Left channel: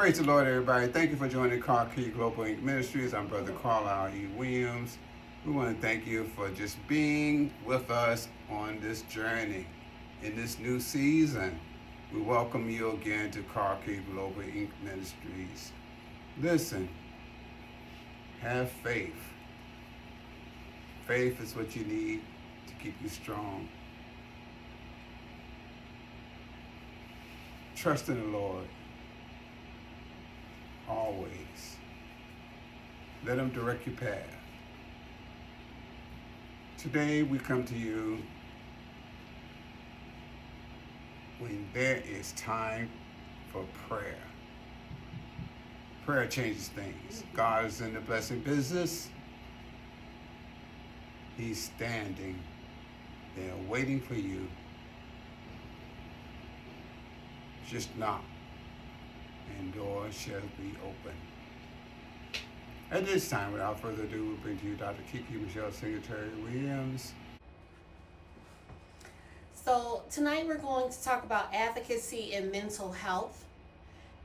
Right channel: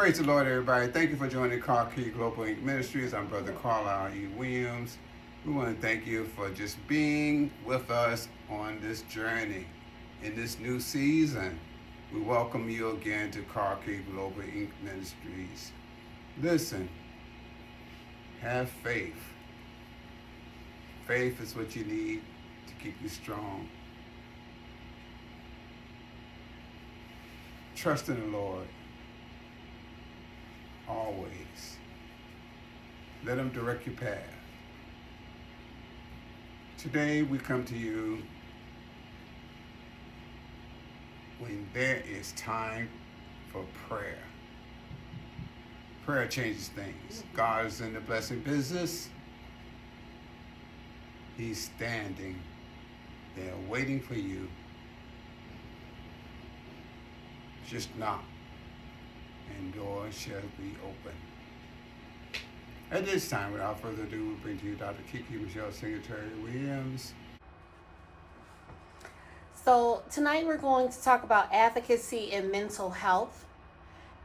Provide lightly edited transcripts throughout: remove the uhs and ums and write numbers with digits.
Praise the Lord, everybody. Thank you for joining Kiki Global Inc. Ministries. I'm Brother Carlyle E. Williams. We want to thank you for just being with us on this journey in this new season. We welcome you again to Kiki Global Inc. Ministries. Listen, have faith. Faith is what you need to keep you strong. Trust in the Lord. Always. Let Him direct your path. Today we come to you when there is time for prayer. Prayer changes things. God is in the blessing business. He's standing there waiting for you. Just knock, and doors shall be open. At this time, without further ado, we bring to you Dr. Kiki Michelle Singletary-Williams. So tonight we're going to talk about advocacy and mental health.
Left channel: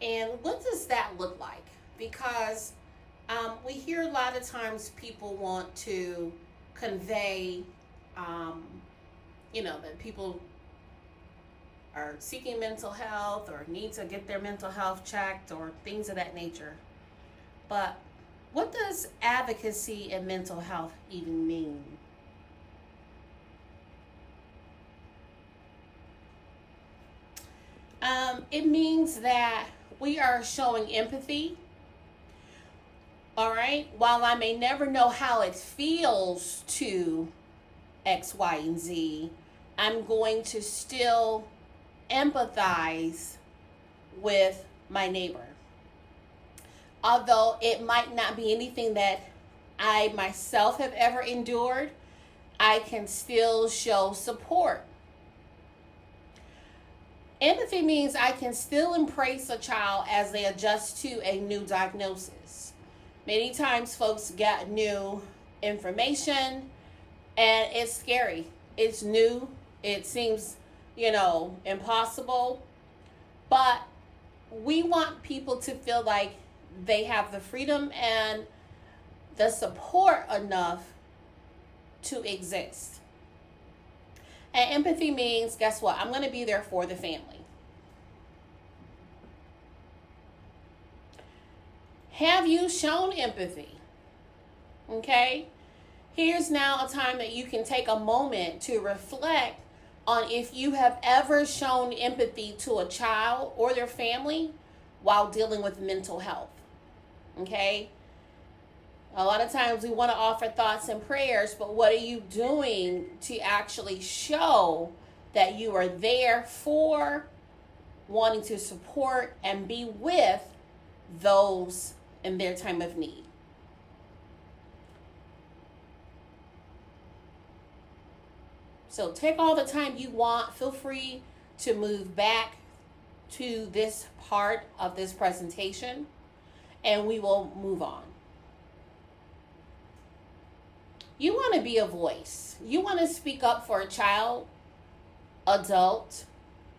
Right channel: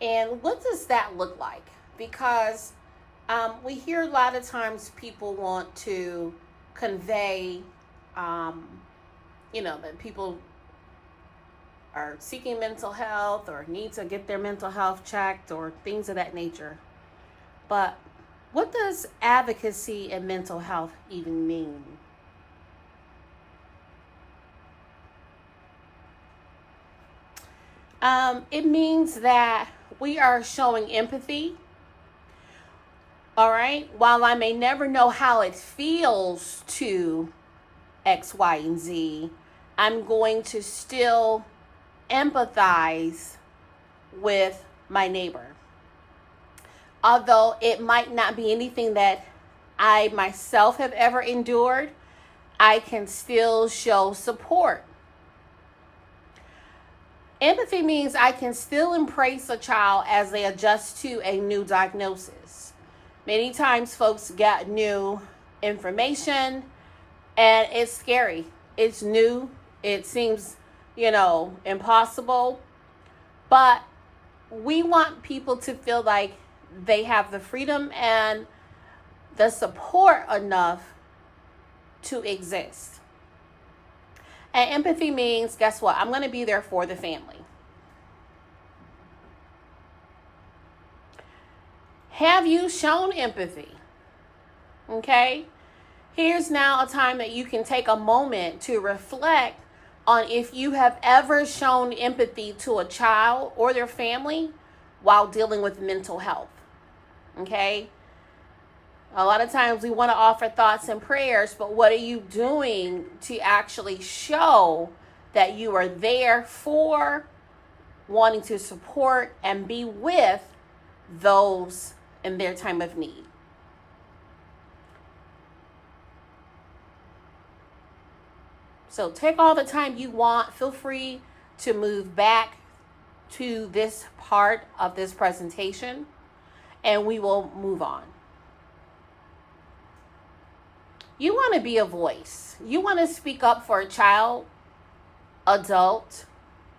And what does that look like? Because we hear a lot of times people want to convey, that people are seeking mental health or need to get their mental health checked or things of that nature. But what does advocacy and mental health even mean? It means that we are showing empathy. All right. While I may never know how it feels to X, Y, and Z, I'm going to still empathize with my neighbor. Although it might not be anything that I myself have ever endured, I can still show support. Empathy means I can still embrace a child as they adjust to a new diagnosis. Many times folks get new information and it's scary. It's new. It seems, impossible. But we want people to feel like they have the freedom and the support enough to exist. And empathy means, guess what? I'm going to be there for the family. Have you shown empathy? Okay? Here's now a time that you can take a moment to reflect on if you have ever shown empathy to a child or their family while dealing with mental health. Okay? A lot of times we want to offer thoughts and prayers, but what are you doing to actually show that you are there for, wanting to support and be with those in their time of need? So take all the time you want. Feel free to move back to this part of this presentation and we will move on. You want to be a voice. You want to speak up for a child, adult,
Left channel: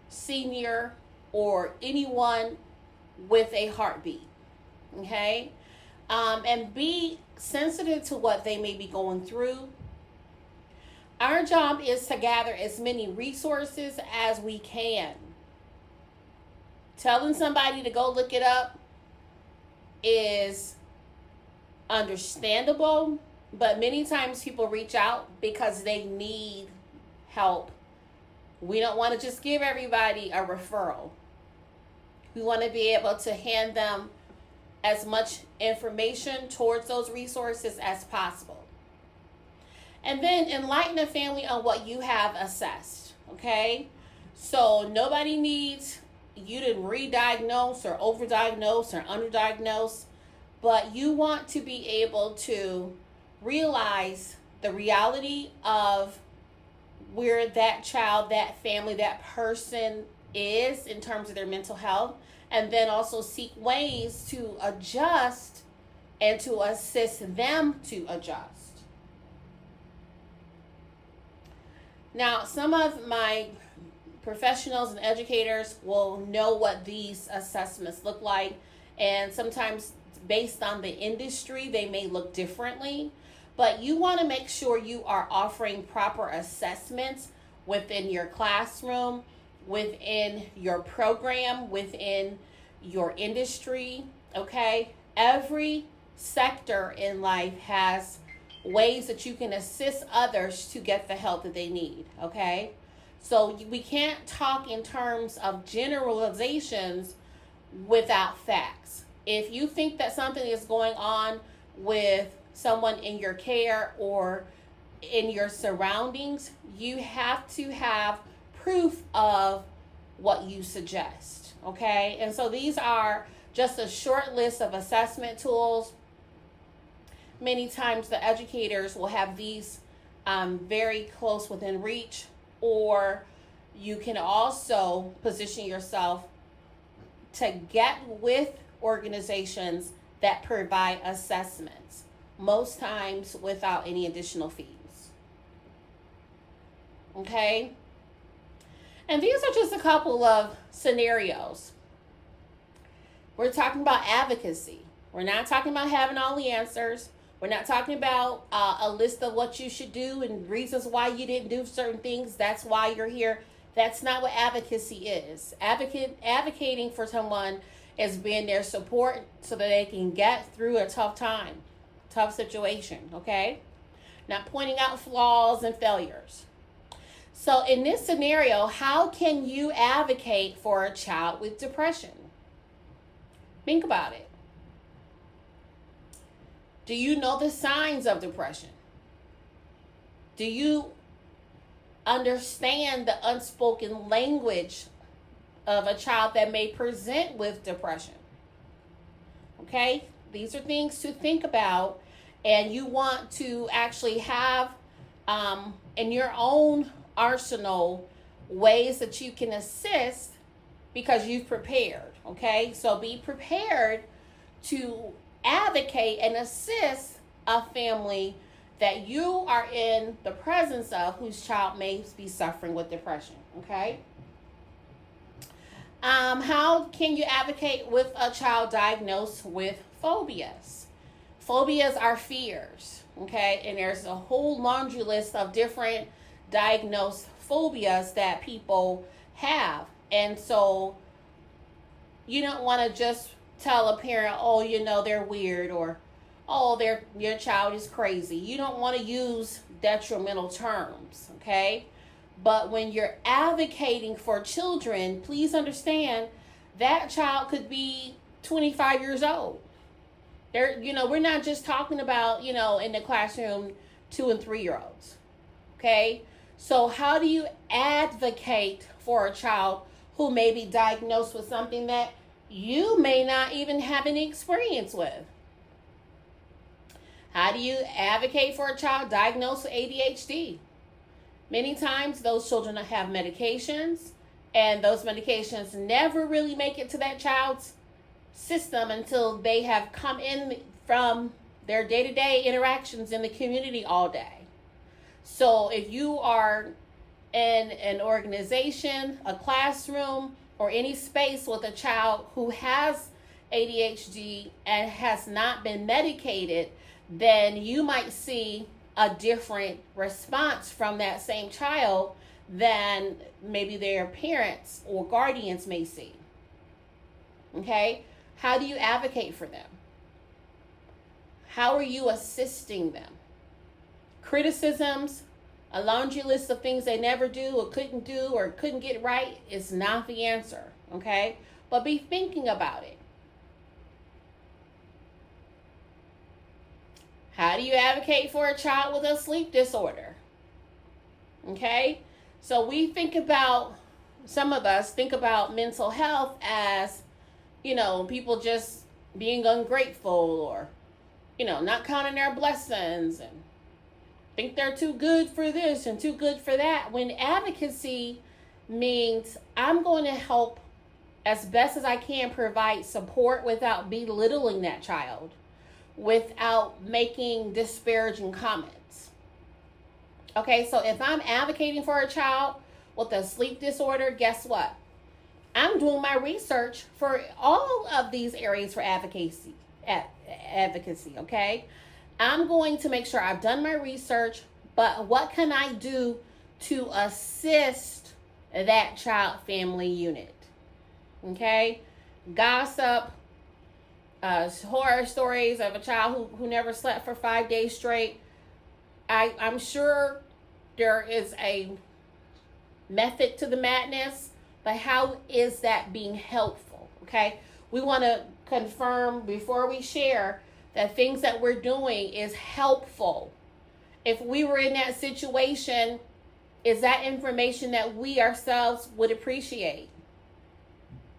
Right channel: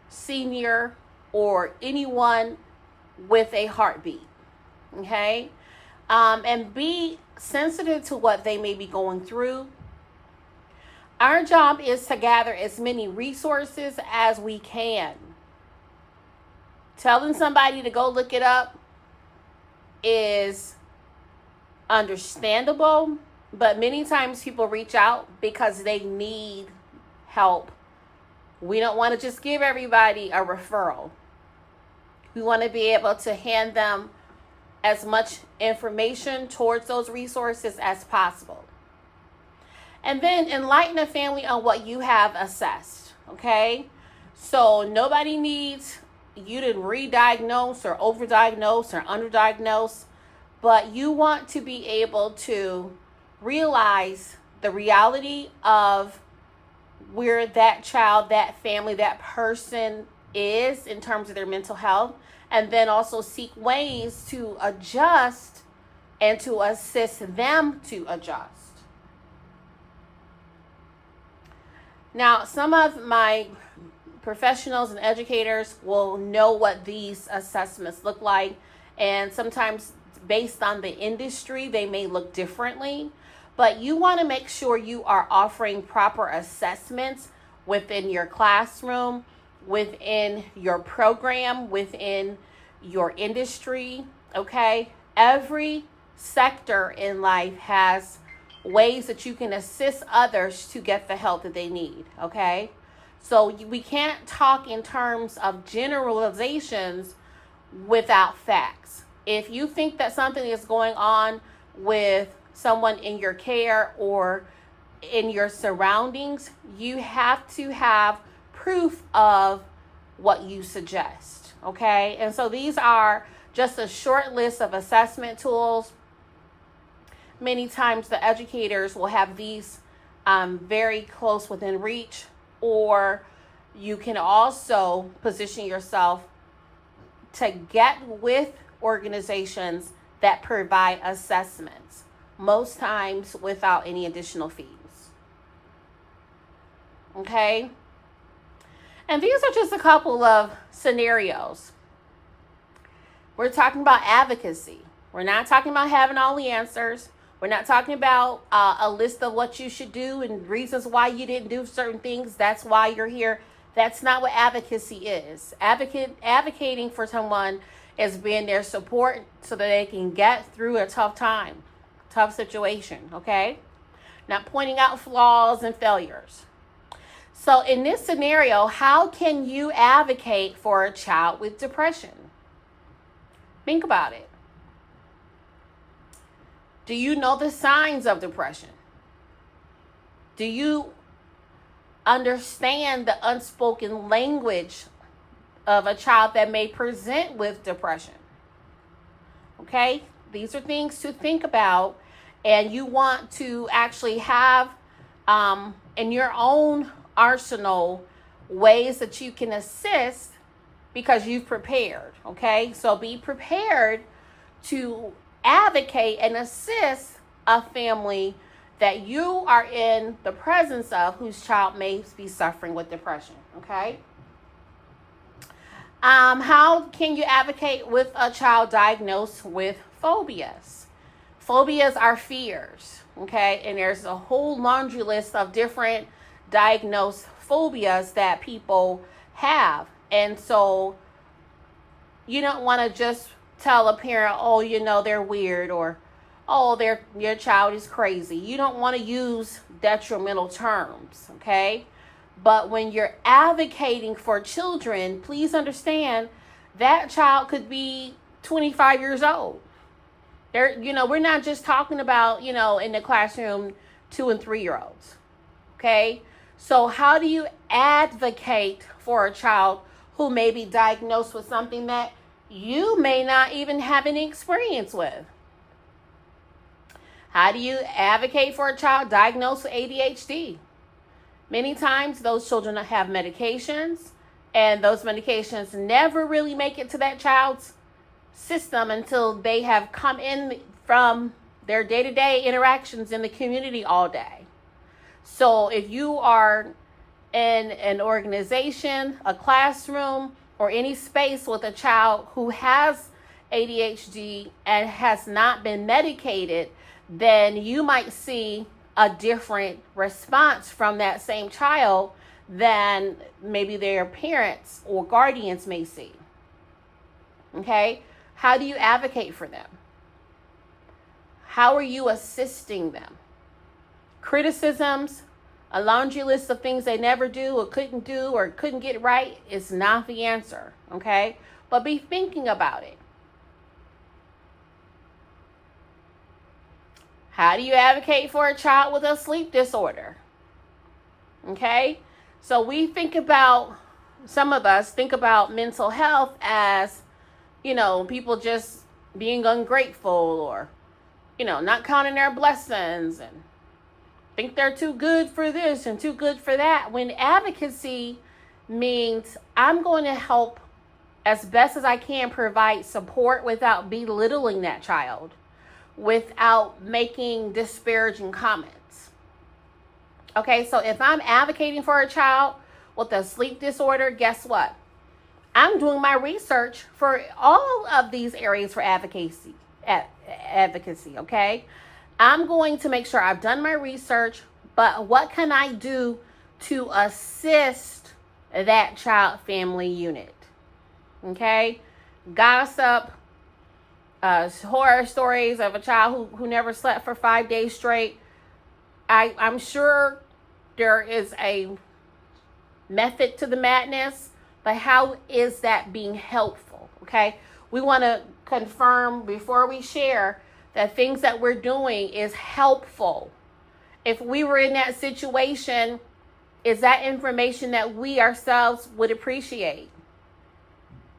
senior, or anyone with a heartbeat. Okay? And be sensitive to what they may be going through. Our job is to gather as many resources as we can. Telling somebody to go look it up is understandable, but many times people reach out because they need help. We don't want to just give everybody a referral. We want to be able to hand them as much information towards those resources as possible. And then enlighten a family on what you have assessed, okay? So nobody needs you to re-diagnose or overdiagnose or underdiagnose, but you want to be able to realize the reality of where that child, that family, that person is in terms of their mental health, and then also seek ways to adjust and to assist them to adjust. Now, some of my professionals and educators will know what these assessments look like, And sometimes based on the industry, they may look differently. But you want to make sure you are offering proper assessments within your classroom, within your program, within your industry, okay? Every sector in life has ways that you can assist others to get the help that they need, okay? So we can't talk in terms of generalizations without facts. If you think that something is going on with someone in your care or in your surroundings, you have to have proof of what you suggest, okay? And so these are just a short list of assessment tools. Many times the educators will have these very close within reach, or you can also position yourself to get with organizations that provide assessments, most times without any additional fees. Okay? And these are just a couple of scenarios. We're talking about advocacy. We're not talking about having all the answers. We're not talking about a list of what you should do and reasons why you didn't do certain things. That's why you're here. That's not what advocacy is. Advocating for someone is being their support so that they can get through a tough time, tough situation, okay? Not pointing out flaws and failures. So in this scenario, how can you advocate for a child with depression? Think about it. Do you know the signs of depression? Do you understand the unspoken language of a child that may present with depression? Okay, these are things to think about, and you want to actually have in your own arsenal ways that you can assist because you've prepared. Okay, so be prepared to advocate and assist a family that you are in the presence of whose child may be suffering with depression. Okay. How can you advocate with a child diagnosed with phobias? Phobias are fears, okay? And there's a whole laundry list of different diagnosed phobias that people have. And so you don't want to just tell a parent, oh, you know, they're weird, or, oh, your child is crazy. You don't want to use detrimental terms, okay? But when you're advocating for children, please understand that child could be 25 years old. We're not just talking about, in the classroom, 2 and 3 year olds. Okay. So how do you advocate for a child who may be diagnosed with something that you may not even have any experience with? How do you advocate for a child diagnosed with ADHD? Many times those children have medications, and those medications never really make it to that child's system until they have come in from their day-to-day interactions in the community all day. So if you are in an organization, a classroom, or any space with a child who has ADHD and has not been medicated, then you might see a different response from that same child than maybe their parents or guardians may see. Okay? How do you advocate for them? How are you assisting them? Criticisms, a laundry list of things they never do or couldn't get right is not the answer. Okay? But be thinking about it. How do you advocate for a child with a sleep disorder? Okay? So some of us think about mental health as, people just being ungrateful or, not counting their blessings and think they're too good for this and too good for that. When advocacy means I'm going to help as best as I can provide support without belittling that child, without making disparaging comments. Okay, so if I'm advocating for a child with a sleep disorder, guess what? I'm doing my research for all of these areas for advocacy, okay? I'm going to make sure I've done my research, but what can I do to assist that child family unit? Okay? Gossip, horror stories of a child who never slept for 5 days straight. I'm sure there is a method to the madness, but how is that being helpful? Okay? We want to confirm before we share that things that we're doing is helpful. If we were in that situation, is that information that we ourselves would appreciate?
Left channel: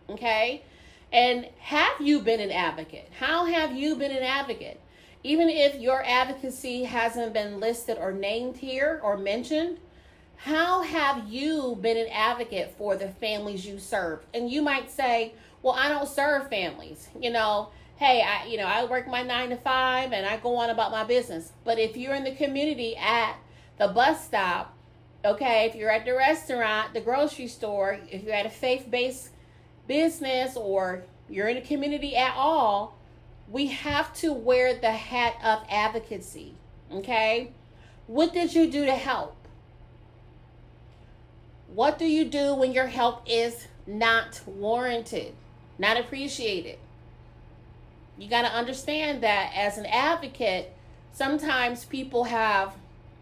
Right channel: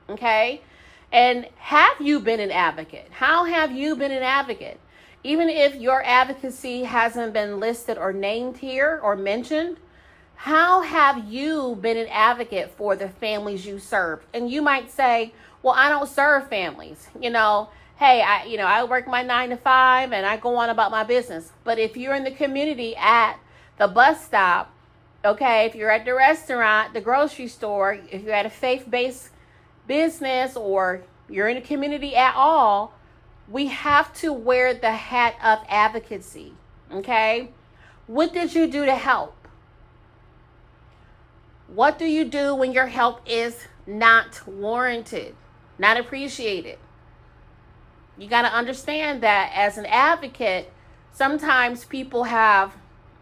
Okay? And have you been an advocate? How have you been an advocate? Even if your advocacy hasn't been listed or named here or mentioned, how have you been an advocate for the families you serve? And you might say, well, I don't serve families. Hey, I work my 9 to 5 and I go on about my business. But if you're in the community at the bus stop, okay, if you're at the restaurant, the grocery store, if you're at a faith-based business, or you're in a community at all, we have to wear the hat of advocacy, okay? What did you do to help? What do you do when your help is not warranted, not appreciated? You got to understand that as an advocate, sometimes people have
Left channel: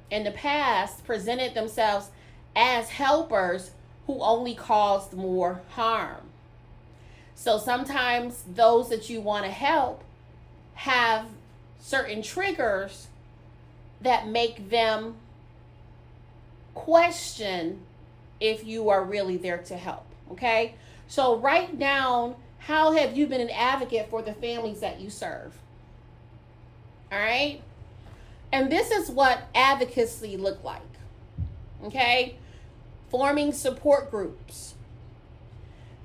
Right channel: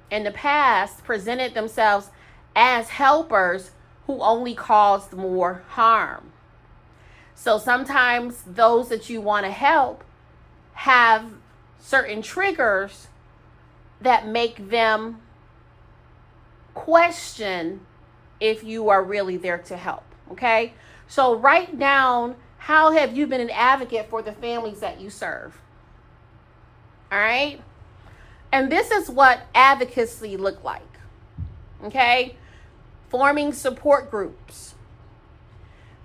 in the past presented themselves as helpers who only caused more harm. So sometimes those that you want to help have certain triggers that make them question if you are really there to help, okay? So write down, how have you been an advocate for the families that you serve? All right? And this is what advocacy look like, okay? Forming support groups,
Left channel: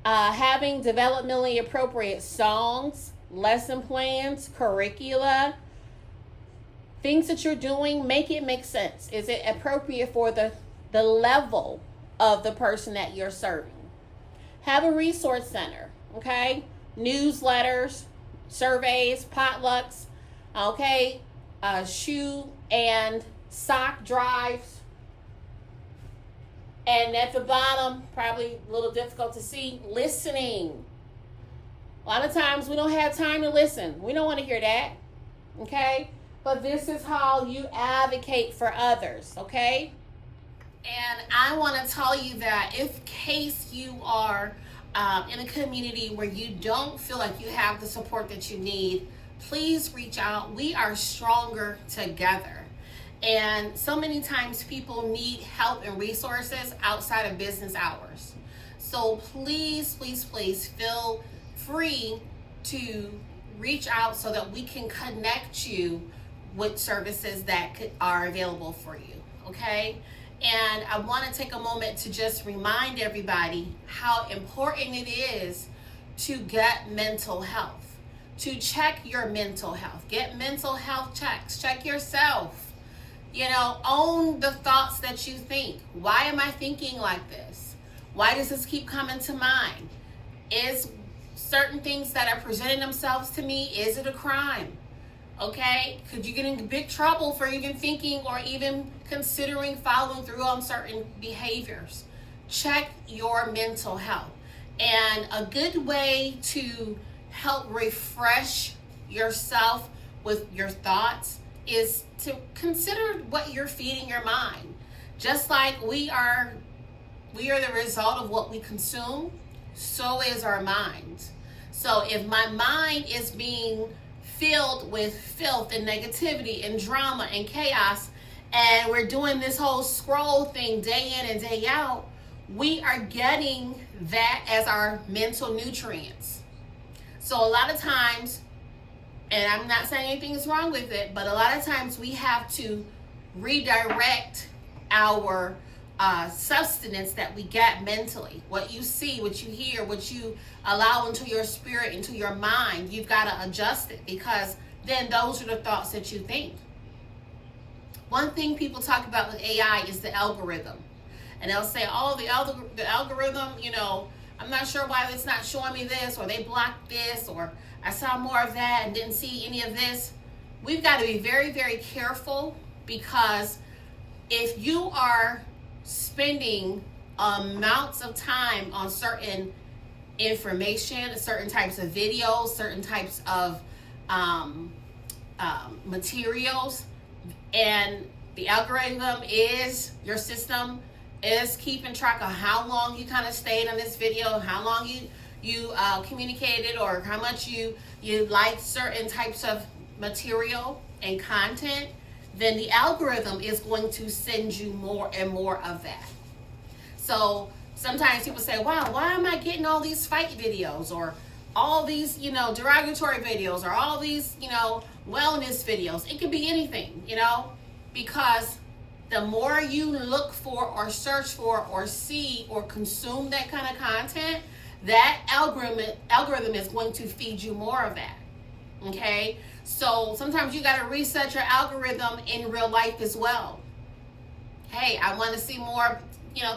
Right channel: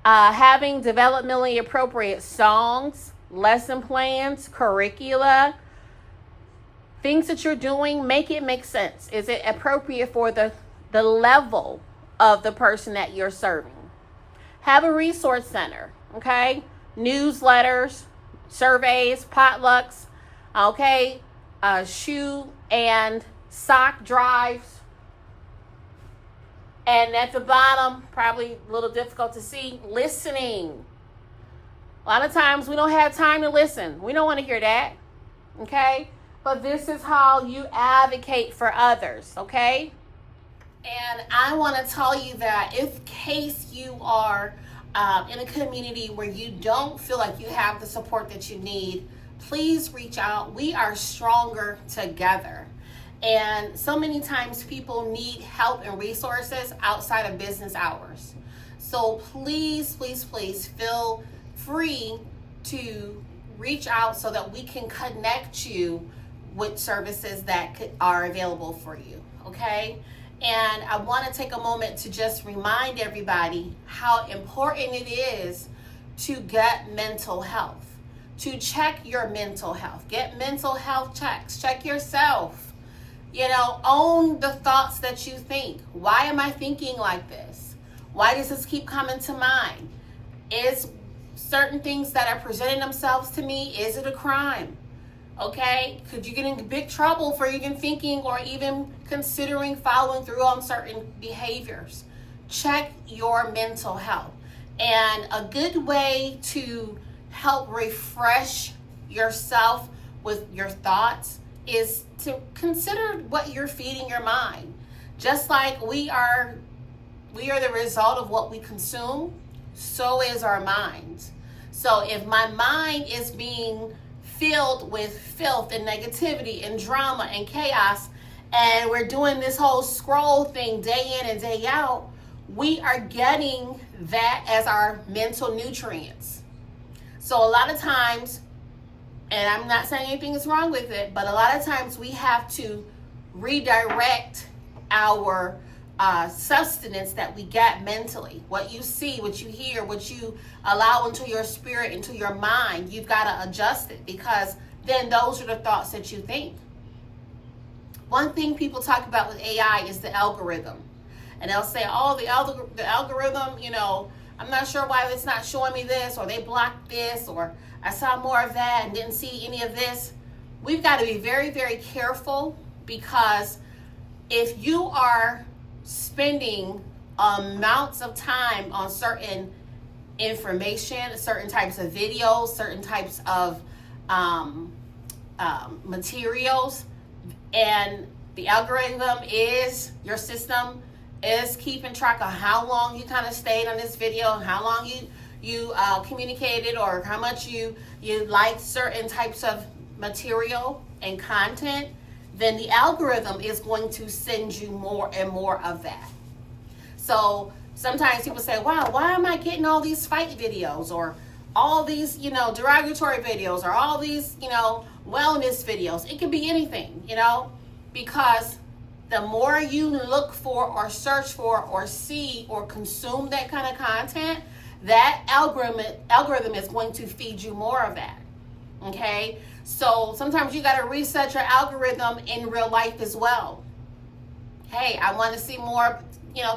having developmentally appropriate songs, lesson plans, curricula, things that you're doing, make it make sense. Is it appropriate for the level of the person that you're serving? Have a resource center, okay? Newsletters, surveys, potlucks, okay? Shoe and sock drives. And at the bottom, probably a little difficult to see, listening. A lot of times we don't have time to listen. We don't want to hear that, okay? But this is how you advocate for others, okay? And I want to tell you that in case you are in a community where you don't feel like you have the support that you need, please reach out. We are stronger together. And so many times people need help and resources outside of business hours. So please, please, please feel free to reach out so that we can connect you with services that are available for you, okay? And I want to take a moment to just remind everybody how important it is to get mental health, to check your mental health, get mental health checks, check yourself. Own the thoughts that you think. Why am I thinking like this? Why does this keep coming to mind? Is certain things that are presenting themselves to me, is it a crime? Okay? Could you get in big trouble for even thinking or even considering following through on certain behaviors? Check your mental health. And a good way to help refresh yourself with your thoughts is to consider what you're feeding your mind. Just like we are the result of what we consume, so is our minds. So if my mind is being filled with filth and negativity and drama and chaos, and we're doing this whole scroll thing day in and day out, we are getting that as our mental nutrients. So a lot of times, and I'm not saying anything is wrong with it, but a lot of times we have to redirect our sustenance that we get mentally. What you see, what you hear, what you allow into your spirit, into your mind, you've got to adjust it, because then those are the thoughts that you think. One thing people talk about with AI is the algorithm. And they'll say, oh, the algorithm, I'm not sure why it's not showing me this, or they blocked this, or I saw more of that and didn't see any of this. We've got to be very, very careful, because if you are spending amounts of time on certain information, certain types of videos, certain types of materials, and the algorithm is, your system is keeping track of how long you kind of stayed on this video, how long you communicated, or how much you liked certain types of material and content, then the algorithm is going to send you more and more of that. So sometimes people say, wow, why am I getting all these fight videos, or all these, derogatory videos, or all these, wellness videos? It could be anything, because the more you look for or search for or see or consume that kind of content, that algorithm is going to feed you more of that. Okay? So sometimes you got to reset your algorithm in real life as well. Hey, I want to see more,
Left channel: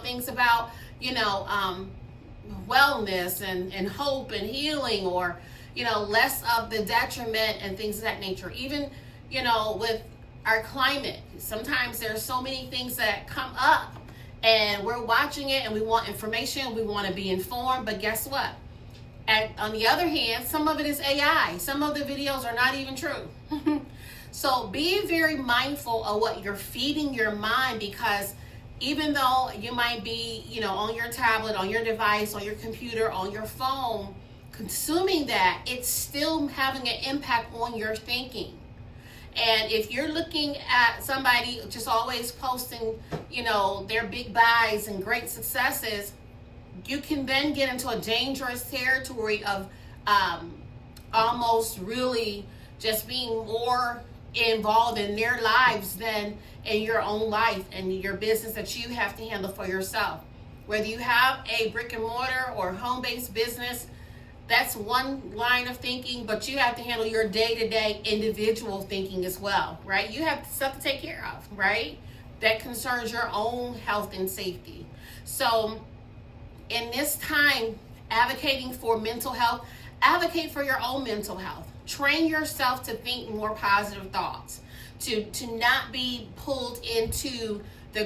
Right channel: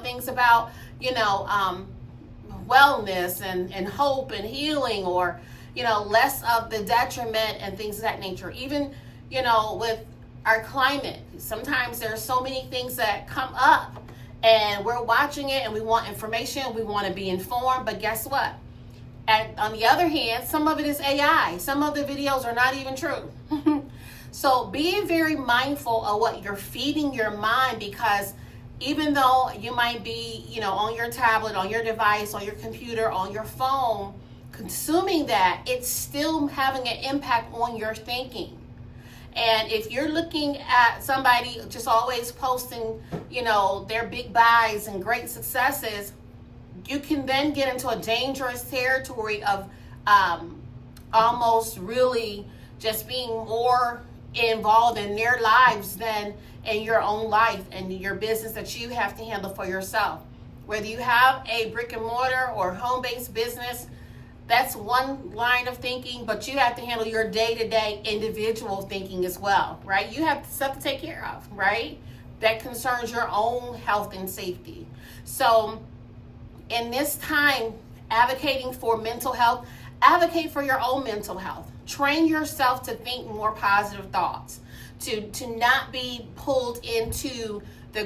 things about, wellness and hope and healing, or, less of the detriment and things of that nature. Even, with our climate, sometimes there's so many things that come up, and we're watching it and we want information, we want to be informed, but guess what? On the other hand, some of it is AI. Some of the videos are not even true. So be very mindful of what you're feeding your mind, because even though you might be, on your tablet, on your device, on your computer, on your phone, consuming that, it's still having an impact on your thinking. And if you're looking at somebody just always posting, their big buys and great successes, you can then get into a dangerous territory of almost really just being more involved in their lives than in your own life and your business that you have to handle for yourself. Whether you have a brick and mortar or home-based business, that's one line of thinking, but you have to handle your day-to-day individual thinking as well, right? You have stuff to take care of, right? That concerns your own health and safety. So in this time, advocating for mental health, advocate for your own mental health. Train yourself to think more positive thoughts, to not be pulled into the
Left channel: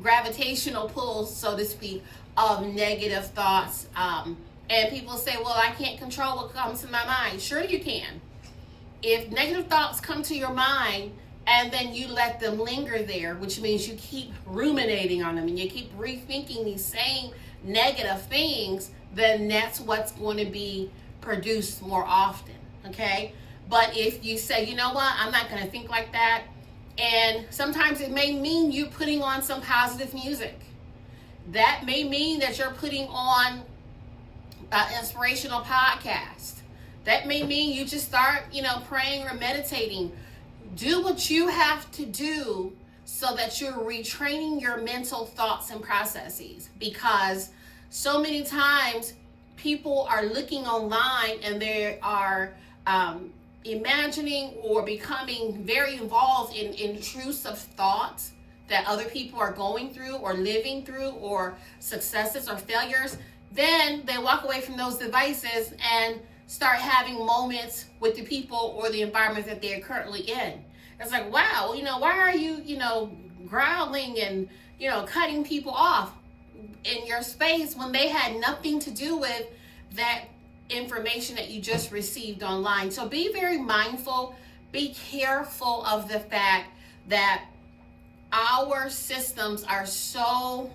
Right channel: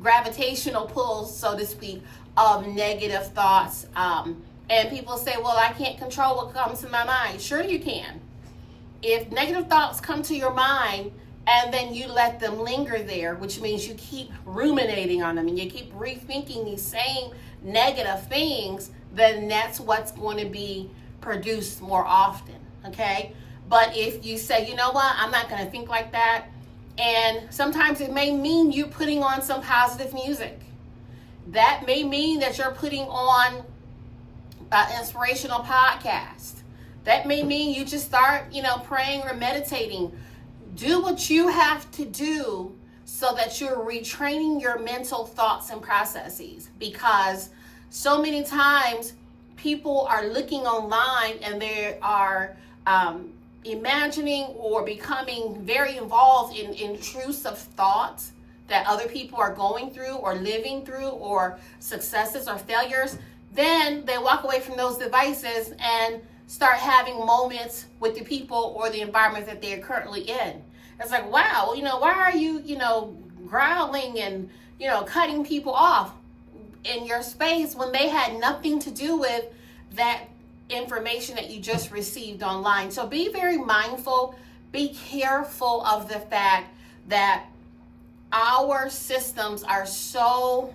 gravitational pull, so to speak, of negative thoughts. And people say, well, I can't control what comes to my mind. Sure you can. If negative thoughts come to your mind and then you let them linger there, which means you keep ruminating on them and you keep rethinking these same negative things, then that's what's going to be produced more often, okay? But if you say, you know what, I'm not going to think like that, and sometimes it may mean you putting on some positive music. That may mean that you're putting on inspirational podcast. That may mean you just start, praying or meditating. Do what you have to do so that you're retraining your mental thoughts and processes, because so many times people are looking online and they are imagining or becoming very involved in intrusive thoughts that other people are going through or living through, or successes or failures. Then they walk away from those devices and start having moments with the people or the environment that they're currently in. It's like, wow, why are you, growling and, cutting people off in your space when they had nothing to do with that information that you just received online? So be very mindful, be careful of the fact that our systems are so,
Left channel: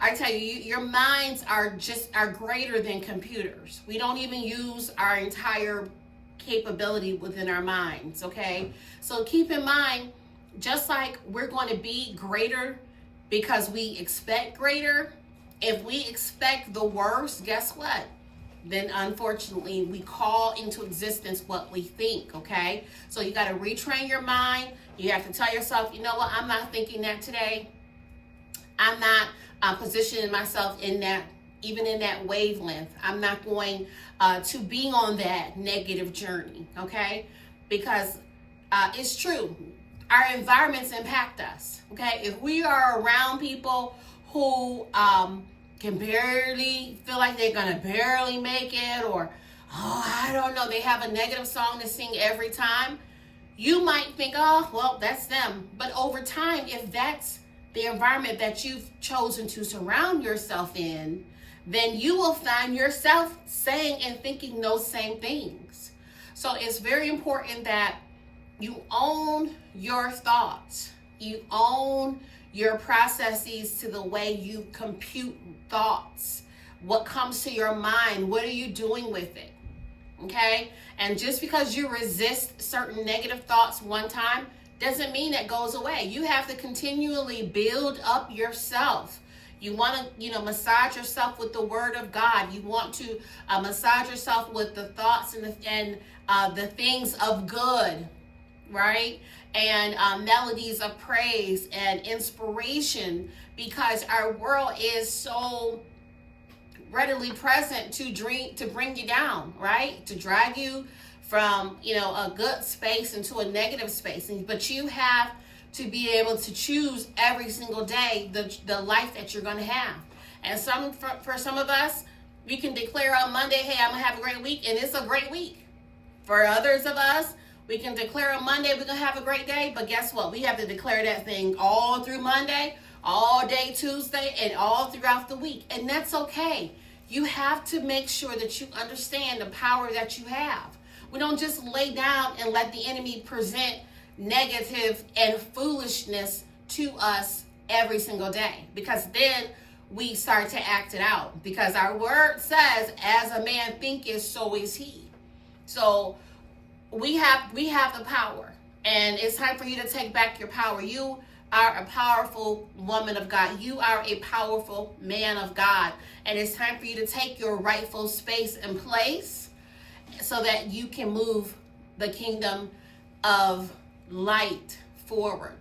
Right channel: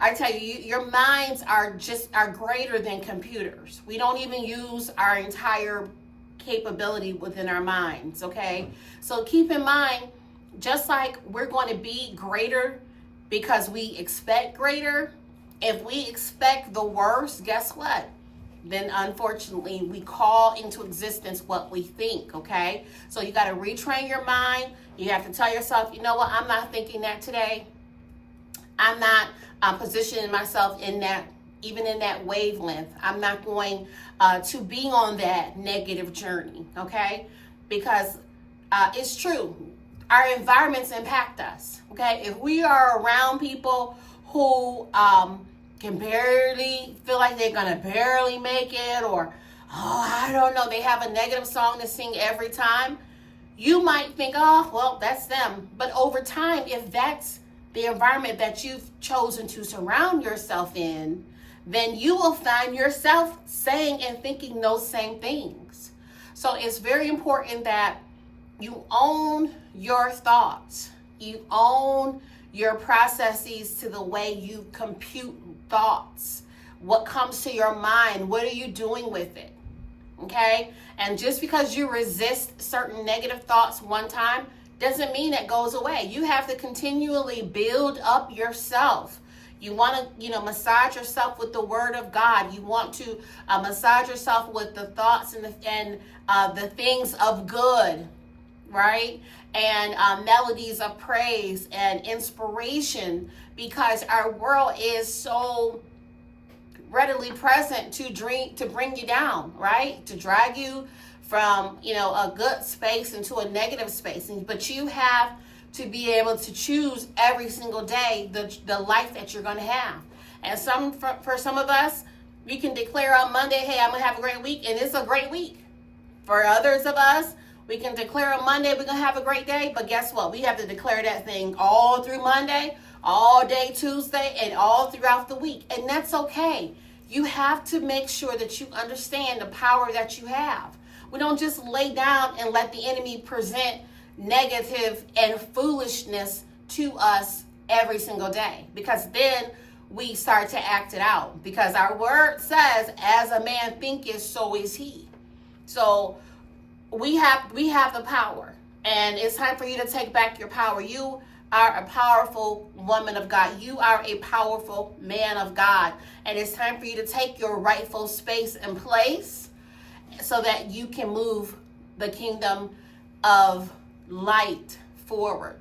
I tell you, your minds are greater than computers. We don't even use our entire capability within our minds, okay? So keep in mind, just like we're going to be greater because we expect greater, if we expect the worst, guess what? Then unfortunately, we call into existence what we think, okay? So you got to retrain your mind. You have to tell yourself, you know what, I'm not thinking that today. I'm not positioning myself in that, even in that wavelength. I'm not going to be on that negative journey, okay? Because it's true. Our environments impact us, okay? If we are around people who can barely feel like they're going to barely make it, or, oh, I don't know, they have a negative song to sing every time. You might think, oh, well, that's them. But over time, if that's the environment that you've chosen to surround yourself in, then you will find yourself saying and thinking those same things. So it's very important that you own your thoughts. You own your processes to the way you compute thoughts. What comes to your mind? What are you doing with it? Okay? And just because you resist certain negative thoughts one time doesn't mean it goes away. You have to continually build up yourself. You want to, massage yourself with the word of God. You want to massage yourself with the thoughts and the things of good, right? And melodies of praise and inspiration, because our world is so readily present to bring you down, right? To drag you from, a good space into a negative space. But you have to be able to choose every single day the life that you're going to have. And for some of us, we can declare on Monday, hey, I'm going to have a great week, and it's a great week. For others of us, we can declare on Monday we're going to have a great day, but guess what? We have to declare that thing all through Monday, all day Tuesday, and all throughout the week. And that's okay. You have to make sure that you understand the power that you have. We don't just lay down and let the enemy present negative and foolishness to us every single day, because then we start to act it out, because our word says, as a man thinketh, so is he. So we have the power, and it's time for you to take back your power. You are a powerful woman of God. You are a powerful man of God, and it's time for you to take your rightful space and place so that you can move the kingdom of light forward.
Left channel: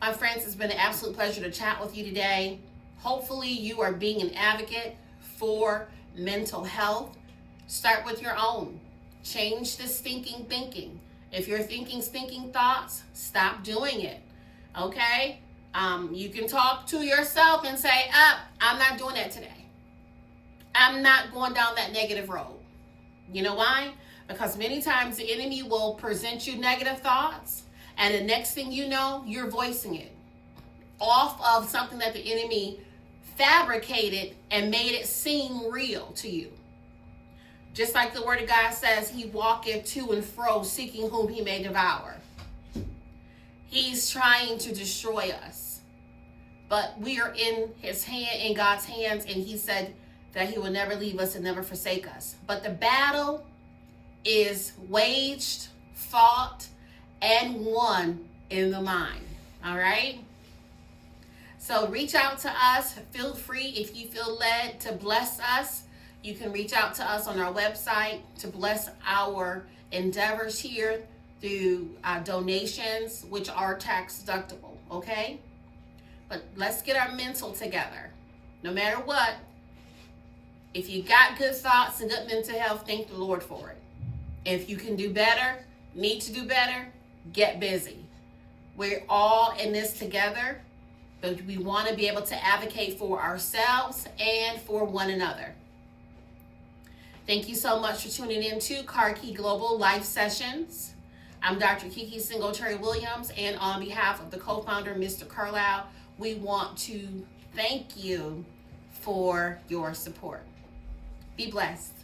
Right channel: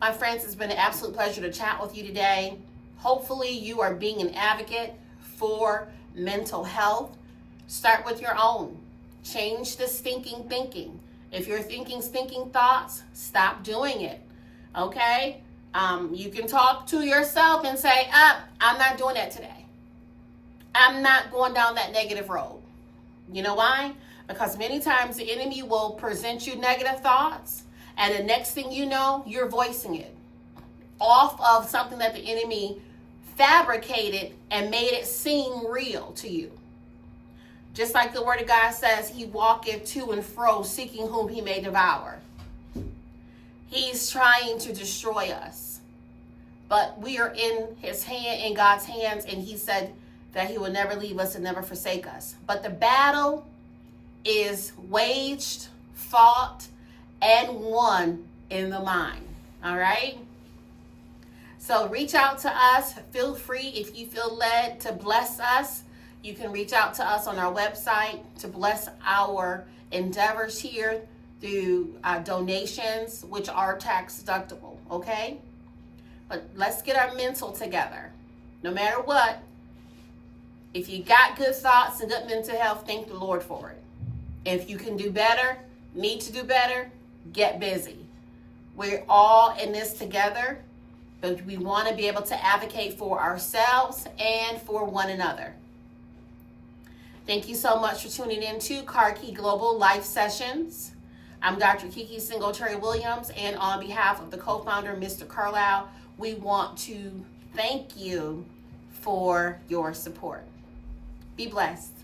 My friends, it's been an absolute pleasure to chat with you today. Hopefully you are being an advocate for mental health. Start with your own. Change the stinking thinking. If you're thinking stinking thoughts, stop doing it. Okay? You can talk to yourself and say, I'm not doing that today. I'm not going down that negative road. You know why? Because many times the enemy will present you negative thoughts, and the next thing you know, you're voicing it off of something that the enemy fabricated and made it seem real to you. Just like the word of God says, he walketh to and fro, seeking whom he may devour. He's trying to destroy us. But we are in his hand, in God's hands, and he said that he will never leave us and never forsake us. But the battle is waged, fought, and won in the mind. All right? So reach out to us. Feel free, if you feel led to bless us. You can reach out to us on our website to bless our endeavors here through donations, which are tax deductible, okay? But let's get our mental together. No matter what, if you got good thoughts and good mental health, thank the Lord for it. If you can do better, need to do better, get busy. We're all in this together, but we want to be able to advocate for ourselves and for one another. Thank you so much for tuning in to Kiki Global Life Sessions. I'm Dr. Kiki Singletary-Williams, and on behalf of the co-founder, Mr. Carlyle, we want to thank you for your support. Be blessed.